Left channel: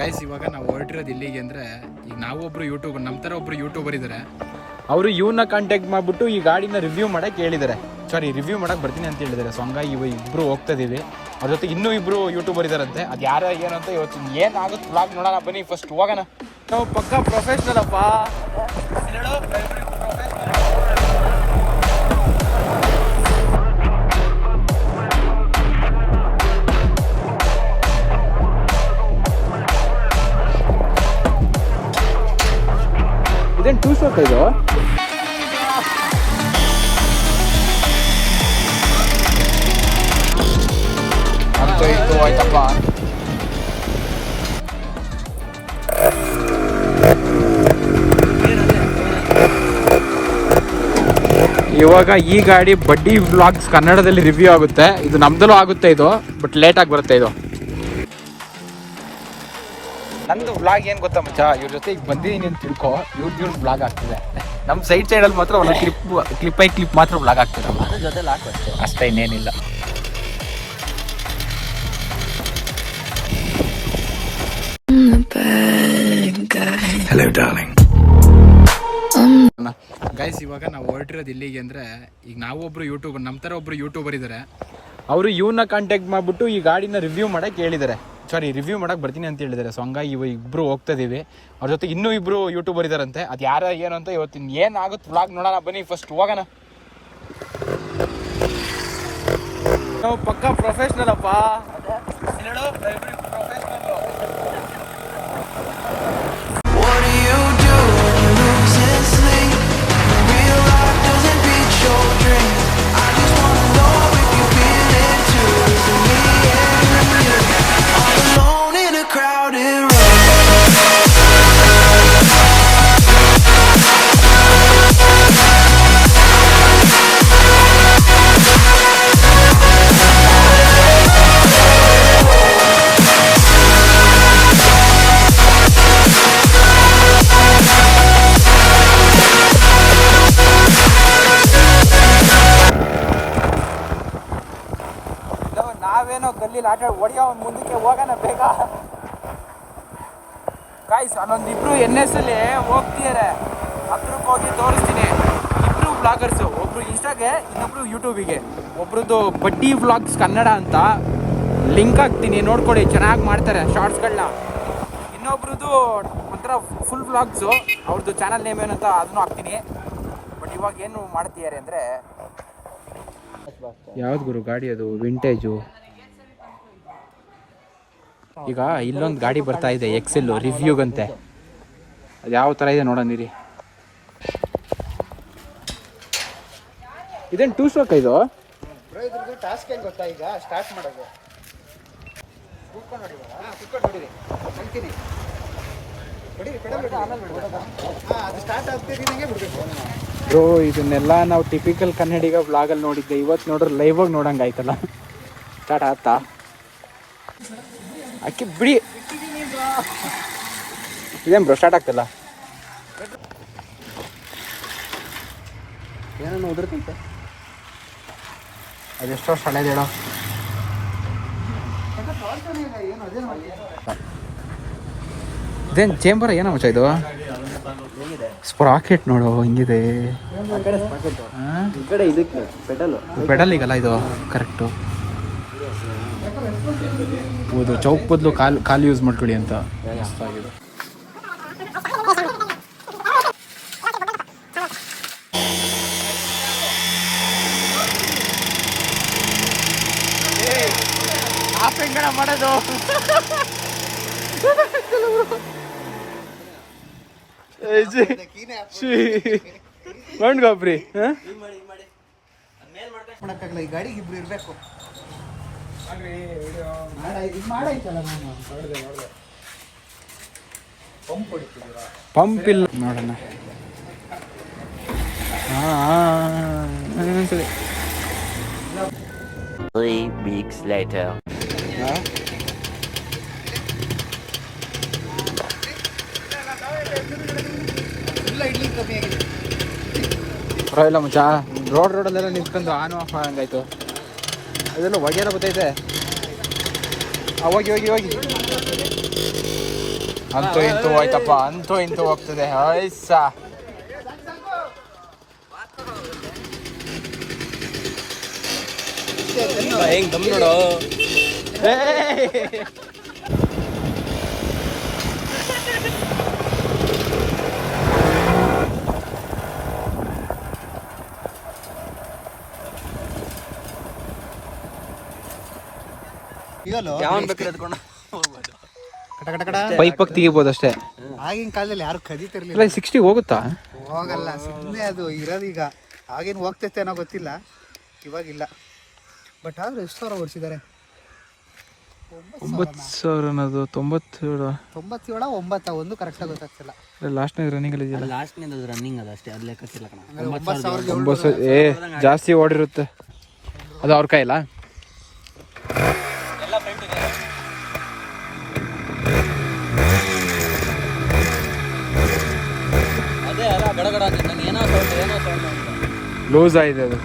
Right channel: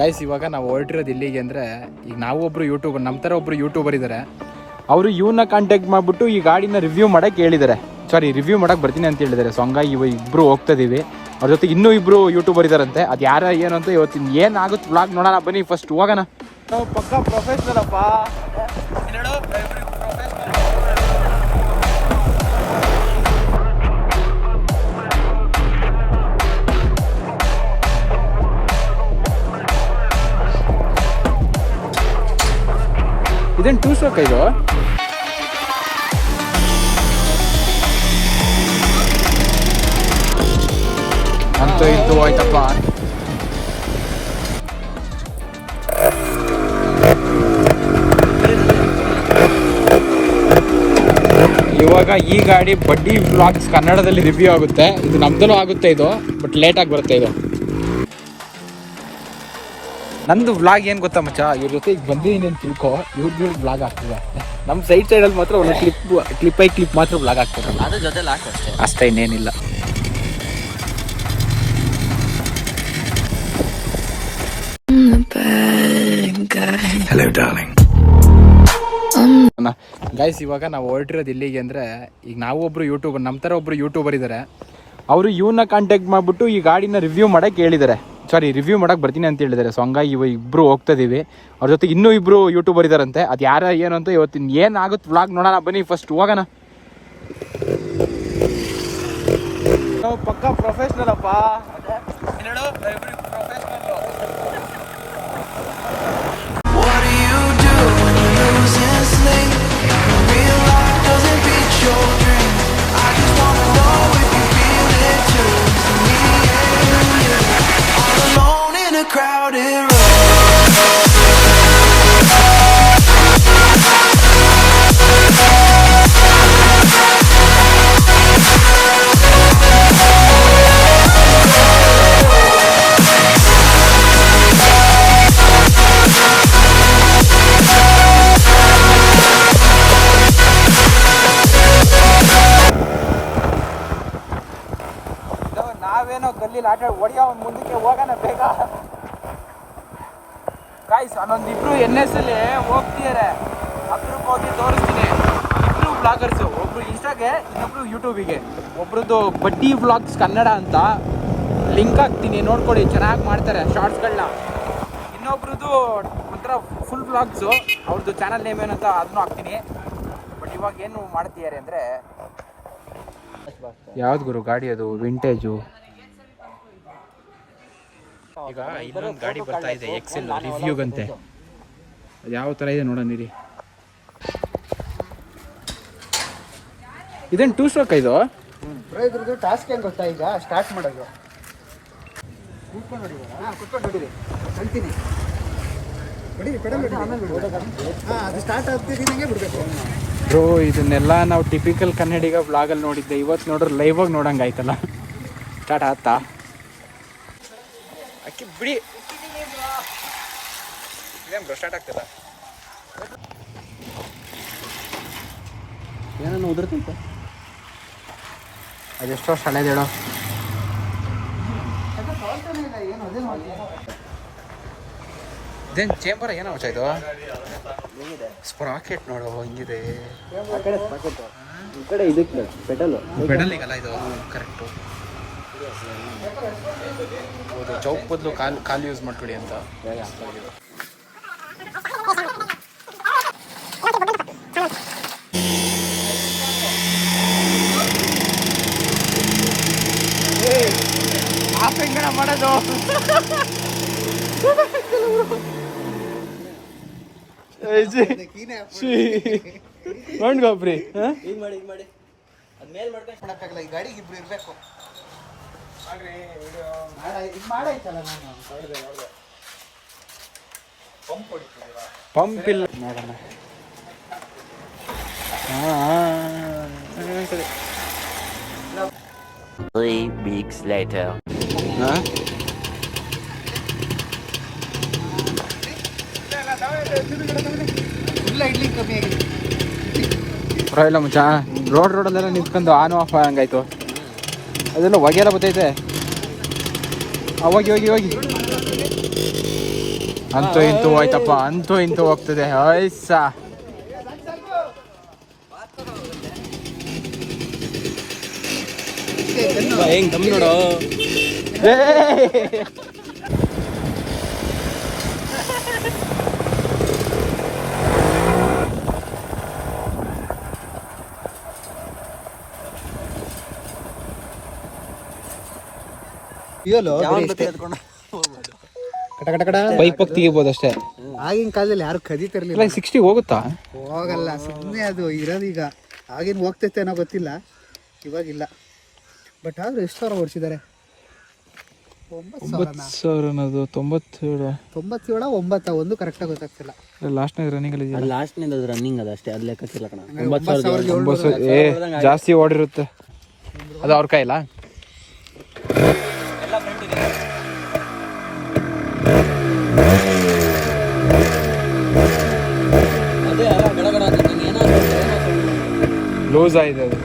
Guys ಇವಾಗ ನಾವು ಹೊರಟಿರೋದು ಇಲ್ಲಿಗೆ ಅಂದರೆ ಈಗ ನಾವು ಒಬ್ಬರು ಯೂಟ್ಯೂಬರ್ ನಮ್ಮ ಥರ ಒಬ್ಬರು ಯೂಟ್ಯೂಬರ್ ಇದ್ದಾರೆ ಅವರು ಇವನ್ನ ಕಾಂಟ್ಯಾಕ್ಟ್ ಮಾಡಿಬಿಟ್ಟು ಈ ಗಾಡಿನ ರಿವ್ಯೂ ಮಾಡಕ್ಕೆ ಹೇಳಿದ್ದಾರೆ ಸಾರಿ ರಿವ್ಯೂ ಮಾಡಕ್ಕೆ ಬರ್ತೀನಿ ಅಂತ ಹೇಳಿದ್ದಾರೆ ಸೊ ಹಂಗಾಗಿ ಇವ ಇಬ್ಬರು ಹೋಗ್ತಾ ಇದೀವಿ. ಅವ್ರ ಜೊತೆ ಇನ್ನೂ ಇಬ್ಬರು ಯೂಟ್ಯೂಬರ್ ಇದಾರಂತೆ. ಅದು ಯಾರ ಏನಂತ ಅಂತ ಇವತ್ತಿನ ಏನಾಗುತ್ತೆ ಬ್ಲಾಗ್ ನೋಡೋಣ. ಬನ್ನಿ ಫಸ್ಟ್ ಹೋಗೋಣ. ಪಕ್ಕ ಪ್ರೊಫೆಷ್ನಲ್ ಈ ಗಾಡಿ ಬಡ್ಡಿ ವ್ಲಾಗ್ಸ್ ಕನ್ನಡದಲ್ಲಿ ರಿವ್ಯೂ ಆಗುತ್ತೆ. ಇದು ನಮ್ದಲ್ಲೂ ಆಗುತ್ತೆ ಇದು ಬಟ್ ಲೇಟ್ ಆಗಿ ಬರುತ್ತೆ ಇದು. ನಂದು ವ್ಲಾಗ್ ಏನ್ ಗೊತ್ತಾ ಮಚ್ಚ? ಇವ್ರ ಜೊತೆ ಈಗ ಬಂದಿದ್ದೀನಿ ಅಂತ ತಿಳ್ಕೋ ಇವ್ರದ್ದು ಇವ್ರ ವ್ಲಾಗ್ ಆಗ್ತಿದೆ. ನಮ್ಮ ಸೈಡ್ ಸೈಡಲ್ಲಿ ಮಾತ್ರ ಒಂದು ಕ್ಲಿಪ್ ಕ್ಲಿಪ್ ಐ ಕ್ಲಿಪ್ ಮಾತ್ರ ವ್ಲಾಗ್ ಆಗ್ತದೆ. ಅದ್ರ ಜೊತೆಲಿ ಆಗ್ತದೆ ಅಷ್ಟೇ ಇನ್ನೇನಿಲ್ಲ. ಗೈಸ್ ಇವಾಗ ನಾವು ಹೊರಟಿರೋದು ಇಲ್ಲಿಗೆ ಅಂದರೆ, ಈಗ ನಾವು ಒಬ್ಬರು ಯೂಟ್ಯೂಬರ್ ನಮ್ಮ ಥರ ಒಬ್ರು ಯೂಟ್ಯೂಬರ್ ಇದ್ದಾರೆ ಅವರು ಇವನ್ನ ಕಾಂಟ್ಯಾಕ್ಟ್ ಮಾಡಿಬಿಟ್ಟು ಈ ಗಾಡಿನ ರಿವ್ಯೂ ಮಾಡೋಕ್ಕೆ ಹೇಳಿದ್ದಾರೆ ಸಾರಿ ರಿವ್ಯೂ ಮಾಡಕ್ಕೆ ಬರ್ತೀನಿ ಅಂತ ಹೇಳಿದ್ದಾರೆ ಸೊ ಹಂಗಾಗಿ ಇವ ಇಬ್ಬರು ಹೋಗ್ತಾ ಇದೀವಿ. ಅವ್ರ ಜೊತೆ ಇನ್ನೂ ಇಬ್ಬರು ಯೂಟ್ಯೂಬರ್ ಇದ್ದಾರಂತೆ ಅದು ಯಾರ, ಏನು ಅಂತ ಇವತ್ತಿನ ಏನಾಗುತ್ತೆ ವ್ಲಾಗ್ ನೋಡೋಣ, ಬನ್ನಿ ಫಸ್ಟ್ ಹೋಗೋಣ. ಪಕ್ಕ ಪ್ರೊಫೆಷ್ನಲ್ ಅಪ್ಪ. frozen sleep ಹೊಡಿಯೋ ಮುಂದಕ್ಕೆ ಹೋಗೋಣ ಬೇಗ. ಕಾಯ್ಸ್ ಅನ್ನೊಂದು ಇಬ್ರು ಎನ್ ಎಸ್ ಅಲ್ಲಿ ಹೋಗ್ತಿದ್ದಾರೆ ಹತ್ರಕ್ಕೆ ಹೋಗಿ ತೋರಿಸ್ತೀನಿ. ಇಬ್ರು ಬ್ಲಾಗರ್ಸ್ ಒಬ್ರು ಇನ್ಸ್ಟಾಗೆ ಇನ್ನೊಬ್ರು ಯೂಟ್ಯೂಬಿಗೆ ಒಬ್ರದ್ದು ಬಡ್ಡಿ ವ್ಲಾಗ್ಸ್ ಕನ್ನಡ ಅಂತ. ಲಿಂಕ್ ಹಾಕ್ತೀನಿ ನೋಡ್ಕೊಳ್ಳಿ ಚೆನ್ನಾಗಿ ಮಾಡ್ತಾರೆ ಶಾರ್ಟ್ಸ್ಗಳನ್ನ ಇನ್ನೊಬ್ರದ್ದು ಒಂಥರ ಫುಲ್ ವ್ಲಾಗ್ಸು ಅವ್ರದ್ದು ಚಾನಲ್ ನೇಮ್ ಏನಂತ ಅದನ್ನು ಹಾಕ್ತೀನಿ. ಬಟ್ ಇವಾಗ ಏನು ಮಾಡ್ತಿದ್ದಾರೆ ಅಂದರೆ ಯಾವ್ದು ಗುರು ಗಾಡಿ ಅದು? ವಿಂಟೇಜು ಈಗ ಇಲ್ಲೊಂದು ಗಾಡಿ ಬರ್ತಾ ಇದೆ ಎಕ್ಸೆಲ್ ರಿವ್ಯೂಗಂತೆ ಅದು. ಯಾವ ಥರ ಇದೆ ನೋಡೋಣ ಇದನ್ನು ಇದೇನು ಟೂ ಸ್ಟ್ರೋಕ್ ಇದು? ಇದ್ರದ್ದು ಟಾಸ್ಕ್ ಏನು ಗೊತ್ತಾ ಈಗ? ಸ್ಟಾರ್ಟ್ ಮಾಡೋದು. ಕುತ್ಕೊಂಡು ಹೊಡಿ ಹಾಂ ಕುತ್ಕೊಂಡು ಹೊಡಿರಿ. ಅಂತೀನಿ ಹೊಡಿರಿ ಕಡಿಮೆ ಹಾಂ ಅದು ಸ್ಟಾರ್ಟ್ ಆಗ್ತಿದ್ದೀನಂಗೆ ಬಿಡ್ಬೇಕು. ಸೊ ಇದನ್ನೆಲ್ಲ ನಾವು ಟಿಪಿಕಲ್ ಕನ್ನಡಿಗ ಬ್ಲಾಗಲ್ಲಿ ನೋಡಿದ್ದೆ. ಇವತ್ತು ನೋಡ್ರೆ ಲೈವಾಗಿ ನೋಡಂಗೆ ಆಯ್ತಲ್ಲ. ಸ್ಟಾರ್ಟ್ ಆಗ್ತಾ. ಅಕ್ಕಿ ಬಿಡಿ. ಇದೇನು ಬ್ರೋ ಸ್ಟಾರ್ಟ್ ಆಗ್ತಲ್ಲ ಉದುರ್ತೈತೆ ಅದೆಷ್ಟು ಹಳೇದು ಹೇಳು ಇದೇನು ಚೇಂಬರ್ ಏನೋ ಮಚ್ಚ ಇದು? ಸ್ಪ್ರಾಕೆಟ್ ನೋಡು ಹಿಂಗಿದೆ. ಪೆಡಲ್. ಈಗಲ್ಲ ಇದು ಕರೆಕ್ಟು ಹೌದು ಚೌಕ್ ಬದಲು ಕಾಲು ಕಾಲು ಯೂಸ್ ಮಾಡ್ಕೊಳ್ಳಿ ಅಂತ. ಪೆಂಗಣ ಮಾಡೋದು ಮಾಡ್ಕೊಬ್ರಿ ಗಾಡಿಗೆ ಇಬ್ರು ಇರಬೇಕು ಇದು ಮಾಡಾಯ್ತಲ್ಲ ನಾನು ನೋಡಿದೆ ನೋಡಿದೆ ಪಂಪ್ ಇಲ್ಲ. ನೋಡೋಣ Three weeks later. ಪರವಾಗಿಲ್ಲ ಮುಚ್ಚ. ರೋಡ್ ರೋಡಲ್ಲೆಲ್ಲ ನಿಂತ್ಕೊಂಡು ಆನ್ ಆಫ್ ಹಂಗಾಯ್ತು. ಅದೆಲ್ಲ ಹೊಗೆಲ್ಲ ಬರ್ತೈತೆ ಆ, ಹೋಗಿ ಹೋಗಿ ಹೋಗಿ. ಅಂತೂ ಇಂತೂ ಹೋಯ್ತಪ್ಪ ಅಂತೂ ಇಂತೂ ಹೋಗ್ತದೆ. ಐಸ ಇದಲ್ಲೋ ಕಟ ಕಟ ಕಟ ಪೈಪ್ ತೆಗಿಬೋದು ಅಷ್ಟೇ. ಆಗಿನ ಕಾಲದಲ್ಲಿ ಯಾರು ಕದಿತಿರ್ಲಿಲ್ಲ. ಸಿಕ್ಸ್ಟಿ ಹೋಗುತ್ತಾ? ಹೋಗಲ್ಲ ಸುಮ್ಮನೆ ಅದು ಇರೋದೀಗ ಆಗೇನು ಹೋಗ್ತೈತೆ ಅನ್ನೋ ಗೊತ್ತಿಲ್ಲ. ಇವಾಗಿಲ್ಲ ಬಟ್ ಆದ್ರೆ ಎಷ್ಟು ಸಾವಿರ ಓಡಿಸಿದ್ದಾರೆ? ಒಂಬತ್ತು ಸಾವಿರ ಅನ್ನೋದು ತೊಂಬತ್ತೇಳು. ತೊಂಬತ್ತೇಳ ಒಂಬತ್ತು? ಒಂದು ಕರೆಕ್ಟಾಗಿ ಗೊತ್ತಾಗ್ತಿಲ್ಲ. ಲಾಸ್ಟ್ನಾಗ ರನ್ನಿಂಗ್ ಅಲ್ಲಿ ಇದೆಯಲ್ಲ? ಲಾಸ್ಟ್ನಿಂದ ಅದು ರನ್ನಿಂಗ್ ಅದು ಅಷ್ಟೇ ಅದು ಲೆಕ್ಕಕ್ಕಿಲ್ಲ ಕಣ. ಒಂಬತ್ತು ಸಾವಿರದ ಒಂಬತ್ತು ಏ ಜಾಸ್ತಿ ಓಡಿರುತ್ತೆ. ಅದು ಅವ್ರ ಕೈಲ ಅದೇ ಅಲ್ಲ ಗಡಗಡ ಅಂತ ನಂಗೆ ಏನೋ ಏನೋ ಲೂಸ್ ಆಗಿದೆ ಅದು.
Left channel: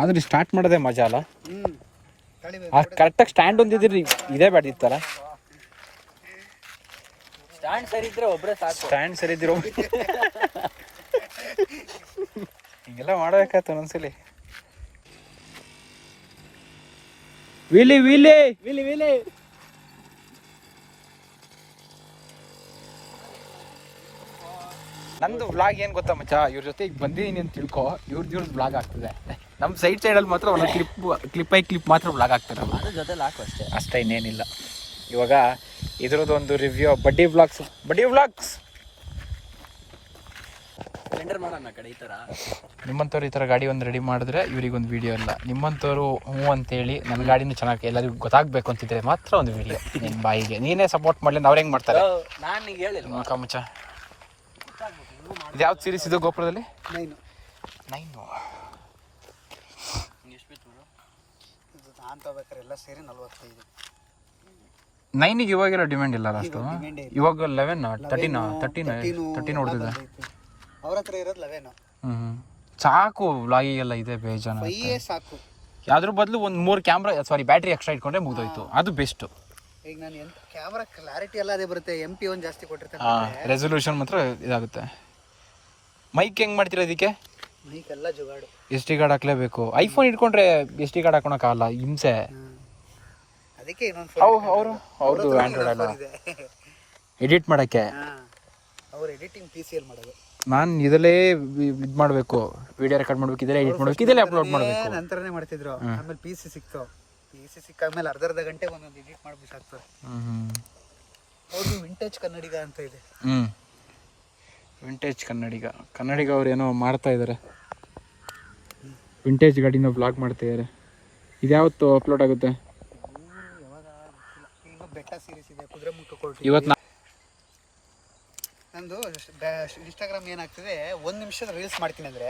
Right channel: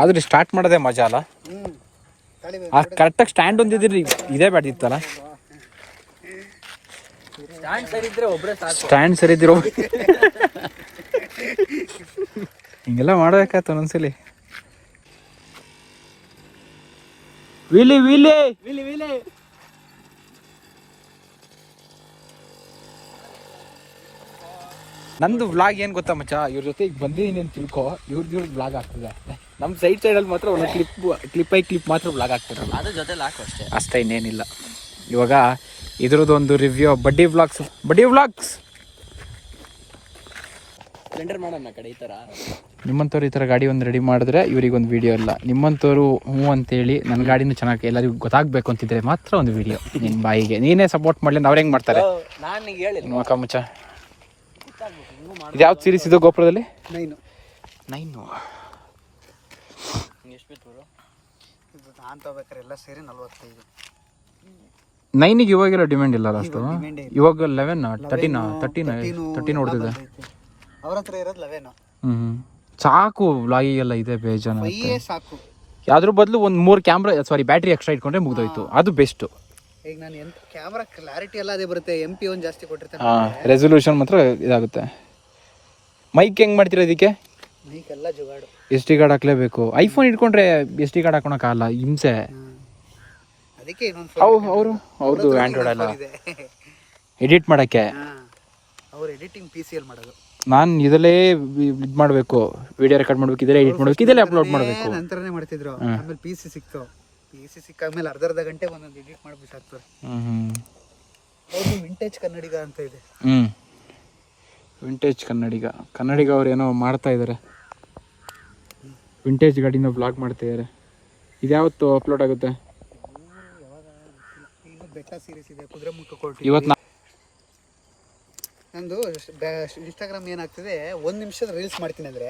ಆದ್ರೆ ಸ್ಟಾರ್ಟ್ ಮಾಡೋದೇ ಮಜಾ ಅಲ್ಲ? ಆ ಕರೆಕ್ಟಾಗಿ ಸ್ಟ್ಯಾಂಡ್ ಒಂದಿದ್ರಿ ಇದೇ ಬ್ಯಾಟಿತ್ತಲ್ಲ ಸ್ಟ್ಯಾಂಡ್ ಸರಿ ಇದ್ರೆ ಒಬ್ಬರೇ ಸಾಕು. ಸ್ಟ್ಯಾಂಡ್ ಸರಿ ಇದ್ದಿರೋ ಹಿಂಗೆಲ್ಲ ಮಾಡ್ಬೇಕಾಯ್ತು ಒಂದೊಂದ್ಸಲಿ. ವಿಲಿ ವಿಲಿ! ವಿಲಿ ವಿಲಿ! ನಂದು ವ್ಲಾಗ್ ಏನ್ ಗೊತ್ತಾ ಮಚ್ಚ? ಇವ್ರ ಜೊತೆ ಈಗ ಬಂದಿದ್ದೀನಿ ಅಂತ ತಿಳ್ಕೊ. ಇವ್ರದ್ದು ಇವ್ರದ್ದು ವ್ಲಾಗ್ ಆಗ್ತದೆ. ನಮ್ಮ ಸೈಡ್ ಸೈಡಲ್ಲಿ ಮಾತ್ರ ಒಂದು ಕ್ಲಿಪ್ ಕ್ಲಿಪ್ ಐ ಕ್ಲಿಪ್ ಮಾತ್ರ ವ್ಲಾಗ್ ಆಗ್ತದೆ ಅದ್ರ ಜೊತೆ ಅಷ್ಟೇ. ಅಷ್ಟೇ ಇನ್ನೇನಿಲ್ಲ. ಇವಾಗ ಇದ್ರದ್ದು ಒಂದು ರಿವ್ಯೂ ಬಡ್ಡಿ ವ್ಲಾಗ್ಸ್ ಬಡ್ಡಿ ವ್ಲಾಗ್ಸ್ ನಿಮ್ಮಂತವ್ರು ಮಾಡೋಣ ಕಡೆ ಈ ತರ. ನಿಮ್ಮಂಥವ್ರು ಈ ಥರ ಗಾಡಿ ಒಂದು ರೆಡಿ ಮಾಡಿದ್ರೆ ಇವ್ರಿಗೆ ಒಂದು ವಿಡಿಯೋ ಇಲ್ಲ. ನಿಮ್ಮಂಥವ್ರು ಹ್ಞೂ ಅಂತೇಳಿ ನನ್ನ ಗಾಡಿನೂ ಚೆನ್ನಾಗಿ ಎಲ್ಲರಿಗೂ ಗೊತ್ತಾಗ್ಬೇಕು ಅಂತಿದ್ರೆ ಮಾತ್ರ ಒಂದು ವಿಡಿಯೋ ನಿಮ್ಮ ಬಾಯಿಗೆ. ನೀನೇ ಸಪೋರ್ಟ್ ಮಾಡಲಿ ಅವ್ರ ಹೆಂಗ್ ಮಾಡ್ತಾರೆ? ನಾನು ಹೇಳಿಲ್ಲ ಮುಖ ಮುಚ್ಚ. ಇದು ಯಾವ್ದು ಸೀರೀಸ್ ಇದು ಗೋಪುರದಲ್ಲಿ? ನೈನು. ನೈನು. ಎಷ್ಟು ಬಿತ್ತು ನಾನು ತಗೋಬೇಕಾರೆ ಎಲ್ಲ ಸೇರಿ ನಲ್ವತ್ತೈದು ನೈನಿಗೆ ಇವಾಗೆಲ್ಲ ಡಿಮ್ಯಾಂಡ್ ಇಲ್ಲ ಅಷ್ಟು ಇವಾಗ ಲೆವೆನ್ ತರ್ಟಿನ ತರ್ಟಿನ ತರ್ಟಿನ್ ಹೊಡೆದಿದೆ. ಅವ್ರ ಹತ್ರ ಇರೋದು ಲೆವೆನು ಹ್ಞೂ ಸಾಕು ಇದೆ ಬೇಜಾನ ಸಾಕು. ಅದ್ರ ಬದಲು ಒಂದು ಮೂರು ಕ್ಯಾಮ್ರಾ ಸಾರಿ ಬ್ಯಾಟ್ರಿ ಎಕ್ಸ್ಟ್ರಾ ಇಟ್ಕೊಂಡ್ರೆ ಮುಗಿದೋಯ್ತು. ಅದು ಬೆಸ್ಟ್ ಈಗ ನಾನು ಎಂತ ಕ್ಯಾಮ್ರಾ ಕ್ಲಾರಿಟಿ ಎಲ್ಲ ಅದೇ ಬರುತ್ತೆ. ಎಂ ಪಿ ಒಂದು ಜಾಸ್ತಿ ಕೊಟ್ಟಿರ್ತಾರೆ ರೆಸೊಲ್ಯೂಷನ್ ಮಾತ್ರ ಇದಾಗುತ್ತೆ. ಮೈಕ್ ಹೆಂಗ್ ಮಾಡ್ತೀರಾ ಇದಕ್ಕೆ? ಮೈಕ್ ಎಲ್ಲ ಜುಗಾಡು. ಎಸ್ ಟಿ ಕಾರ್ಡ್ ಹಾಕ್ಲೇಬೇಕು. ಐಫೋನ್ ಇಟ್ಕೊಂಡ್ರೆ ಎಸ್ ಟಿ ಕಾರ್ಡ್ ಹಾಕೊಳಕ್ಕಾಗಲ್ಲ ಹಿಂಸೆ. ಅದಕ್ಕೆ ಇನ್ನೊಂದು ಅವರು ಅವ್ರದ್ದು ಆಂಡ್ರಾಯ್ಡ್ ಅಲ್ಲ. ಎಡಿಟ್ ಮಾಡೋಕ್ಕೆ. ಅವ್ರು ಎಡಿಟಿಂಗ್ ಪಿ ಸಿ ಎಲ್ ಮಾಡೋದು. ನಾನು ಇದರಲ್ಲೇ ಇದು ಮಾಡಬೇಕು. ವಿಡಿಯೋ ರೆಕಾರ್ಡ್ ಮಾಡಬೇಕು ಇದರಲ್ಲೇ ಎಡಿಟ್ ಮಾಡಬೇಕು ಇದರಲ್ಲೇ ಅಪ್ಲೋಡ್ ಮಾಡಬೇಕು. ನಂತರನೇ ಮಾಡ್ತಿದ್ರು. ಆಮೇಲೆ ಪಿ ಸಿ ಸಿಕ್ತು. ಪಿ ಸಿ ಸಿಕ್ಕಾದ್ಮೇಲೆ ಅರ್ಧ ಅರ್ಧ ಗಂಟೆ ಒಂದೊಂದು ಎಡಿಟ್ ಹ್ಮ್ ಅವ್ರದ್ದು ವಿಂಟೇಜ್ ಕನ್ನಡಿಗ ಅಂತ ಇದೆ. ಹ್ಞೂ ವಿಂಟೇಜ್ ಕನ್ನಡಿಗ. ಕನ್ನಡಿಗ ಅವ್ರು ಏನೋ ಮಾಡ್ತಾ ಇದ್ದಾರೆ ವಿಂಟೇಜ್ ಗಾಡಿನ ಬ್ಲಾಗ್ ಮಾಡ್ತಾ ಇದ್ದಾರೆ ಇದ್ಯಾವತ್ತು ಅಪ್ಲೋಡ್ ಆಗುತ್ತೆ? ಇನ್ನು ಬೆಟ್ಟ ಸೀರೀಸ್ ಇದೆ ಕುದುರೆ ಮುಖ ಕೊಟ್ಟು ಇವತ್ತು ನಾ ನಂದು ಇನ್ಸ್ಟಾಗ್ರಾಮ್ ಏನಾಗ್ತದೆ ಒಂದು ನಿಮಿಷದ ರೀಲ್ಸ್ ಮಾಡ್ತೀನಿ ಅಂದರೆ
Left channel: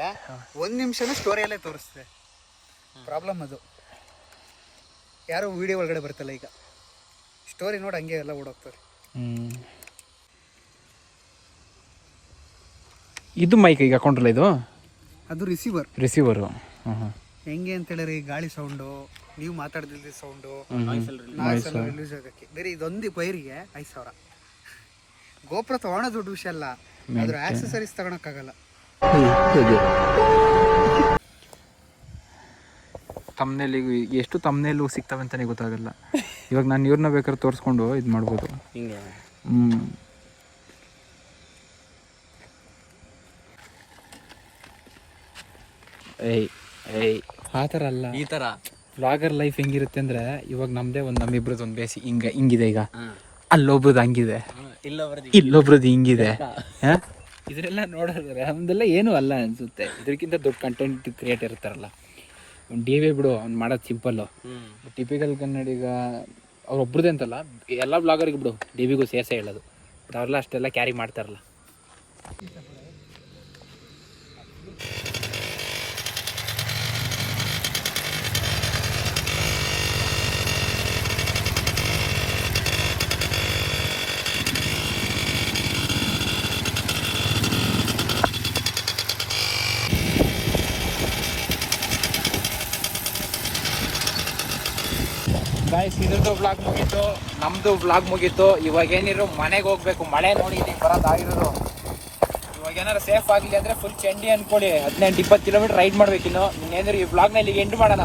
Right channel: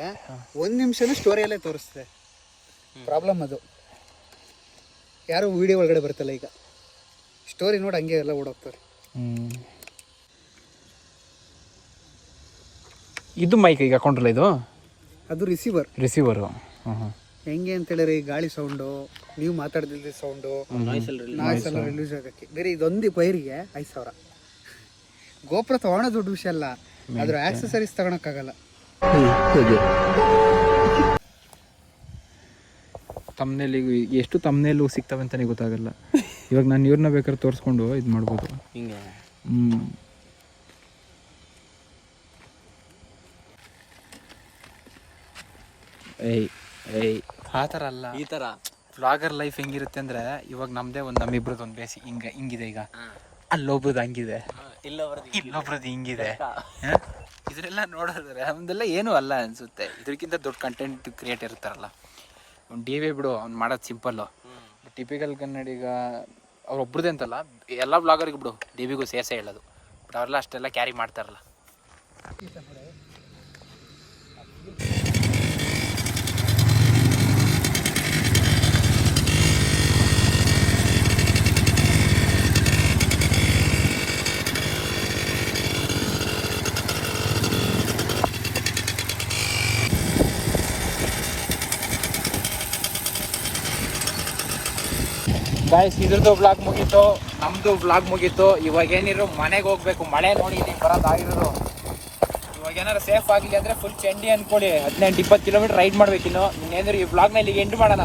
ಒಂದು ನಿಮಿಷನೂ ಸ್ಟೋರಿಯಲ್ಲೇ ತೋರಿಸ್ತದೆ. ಪ್ರಾಬ್ಲಮ್ ಅದು. ಯಾರು ವಿಡಿಯೋ ಒಳಗಡೆ ಬರ್ತಲ್ಲ ಈಗ. ಸ್ಟೋರಿ ನೋಡಿ ಹಂಗೆ ಎಲ್ಲ ಓಡೋಗ್ತಾರೆ ಹ್ಮ್. ಇದು ಮೈಕ್ ಈಗ ಹಾಕೊಂಡ್ರಲ್ಲ ಇದು? ಅದು ರಿಸೀವರ್ ರಿಸೀವರು ಹೆಂಗೆ ಅಂತ ಹೇಳಿದ್ರೆ ಈ ಗಾಳಿ ಸೌಂಡು ನೀವು ಮಾತಾಡ್ದಿದ್ದ ಸೌಂಡು ನಾಯ್ಸ್ ಎಲ್ಲ ರಿಲೀಸ್ ಆಗಕ್ಕೆ. ಬೇರೆ ಇದೊಂದು ಪೈರಿಗೆ ಐದು ಸಾವಿರ. ಗೋಪುರ ತಗೊಳ್ಳೋ ದೊಡ್ಡ ವಿಷಯ ಅಲ್ಲ. ಅದ್ರ ಆಕ್ಸೆಸರೀಸ್ ತಗೊಳಕ್ಕಾಗಲ್ಲ. ತಮ್ಮನೇಲಿ ಎಷ್ಟು ತಮ್ಮನೇಲು ಸಿಗ್ತವೆ ಅಂತಾನೆ ಗೊತ್ತಾಗಲ್ಲ. ಇವಾಗ ನಾನು ಇವ್ರನ್ನ ಬೇಕಾದ್ರೆ ತೋರಿಸ್ಕೊಂಡು ಇದು ಮಾಡ್ಬೋದು. ಹಿಂಗೆ. ಏಯ್ ಏಯ್. ಆ ಥರ ಅಲ್ಲ. ಈ ಥರ. ವ್ಲಾಗರ್ ಲೈಫ್ ಹೆಂಗಿರುತ್ತೆ ಅಂದ್ರೆ ಇವಾಗ ನಮ್ದೇ ಒಂದು ನಮ್ಮಿಬ್ರದ್ದು ಒಂದು ಬೇಸಿ. ಹಿಂಗೆ ಹಿಂಗಿದೆ ಈಗ. ಅಲ್ಲೊಬ್ರದ್ ಅಲ್ಲೊಬ್ರದ್ದು ಹಂಗಿದೆ ಇಲ್ಲ ಬರದಿ ಇಲ್ಲೊಬ್ರದ್ದು ಹಿಂಗಿದೆ. ಹ? ಇದರೆಲ್ಲ ನೋಡಿದ್ರೆ ನಮ್ದೆಲ್ಲ ಏನೂ ಅಲ್ಲ ಅನ್ಸುತ್ತೆ. ಇದಕ್ಕಿಂತ ದೊಡ್ಡ ಕಂಟೆಂಟ್ ಕ್ರಿಯೇಟ್ ಇರ್ತಾರಲ್ಲ. ಡಿ ವಿ ಬಿಡು ಅವ್ನು ಮಾಡೋದು ಸಿಂಪಲ್ಲು ಟಿಪಿಕಲ್ ಕನ್ನಡಿಗ ಅವ್ರೊಬ್ರದ್ದೇ ಅಂತಲ್ಲ ಎಲ್ಲ ಬ್ಲಾಗರಿಗೆ ಬಿಡು ಡಿ ವಿಗೂ ಸೇರ್ಸೇ ಹೇಳೋದು. ಬಟ್ ಅವರೆಲ್ಲ ಅಷ್ಟೆಲ್ಲ ಕ್ಯಾರಿ ಮಾಡ್ತಾರಲ್ಲ. ಗಾಯ್ಸ್ ಇದ್ರದ್ದು ಬ್ಲಾಗ್ ಮುಗೀತು, ನಮ್ದು ಬ್ಲಾಗ್ ಮುಗೀತು. ಇವಾಗ ಏನಿರು ಮನೆಗೆ ಹೋಗ್ಬೇಕು, ಮಳೆ ನೋಡಿ ಇದಕ್ಕೆ ಬರೋದಾಗಿರೋದು ಇವಾಗ ಏನಾರು ಸೇಫ್ ಆಗಲಿ ಅಂದ್ರೆ ಫುಲ್ ಚೆಂಡಿ ಅನ್ಕೊಳ್ಳಿ. ಹದಿನೆಂಟು ಇಪ್ಪತ್ತು ಕಿಲೋಮೀಟರ್ ರೈಡ್ ಮಾಡಬೇಕಿನ್ನು. ಇನ್ನೇನಾದ್ರು ಈ ಬ್ಲಾಗ್ನಲ್ಲಿ ಇಲ್ಲಿಗೆ ಎಂಟು ಮಾಡೋಣ.